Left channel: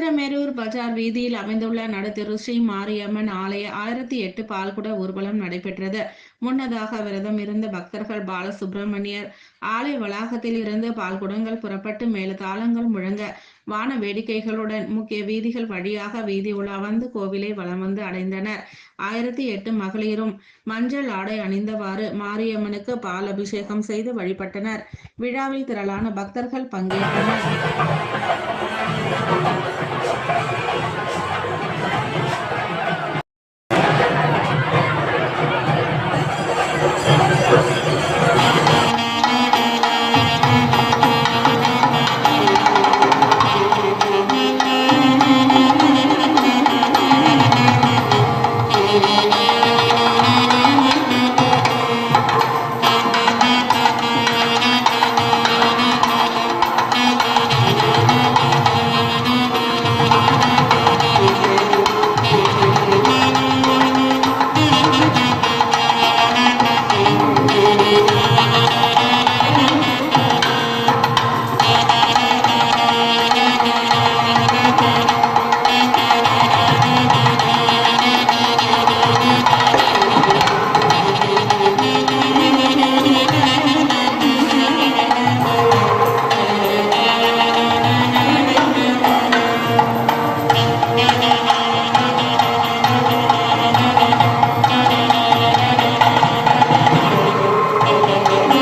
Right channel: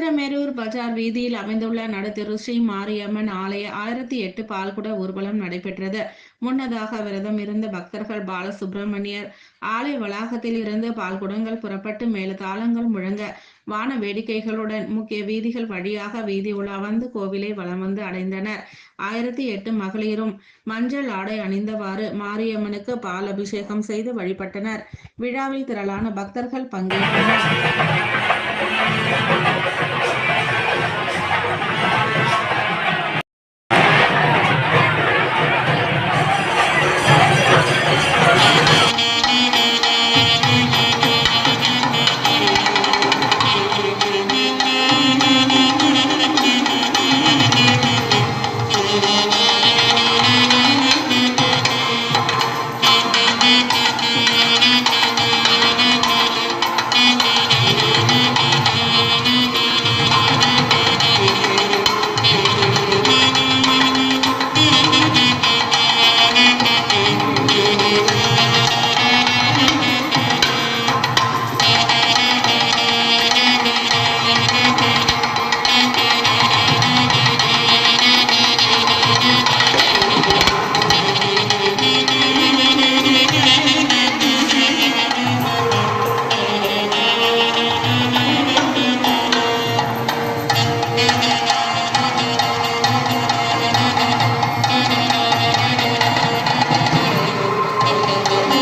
உத்திரமேரூர் பஜார் வீதியில் அமைந்துள்ள நடுத்தெரு ஸ்ரீ மாரியம்மன் ஆலய 1008 பால்குட ஊர்வலம் நடைபெற்றது. முன்னதாக விரதம் இருந்த பக்தர்கள் பாலசுப்பிரமணியர் ஆலய வளாகத்தில் இருந்து பால்குடங்கள் புறப்பட்டு மேலதாளங்கள் முழங்க வான வேடிக்கைகளுடன் முக்கிய வீதிகள் வழியாக வீதி உலா வந்து கோவிலை வலம் வந்து அடைந்தனர். 1008 மகளிரும் மஞ்சள் ஆடை அணிந்தவாறு மாரியம்மனுக்கு பால் அபிஷேகம் செய்து வழிபட்டனர். விழாவில் திரளான பக்தர்கள் பங்கேற்றனர்.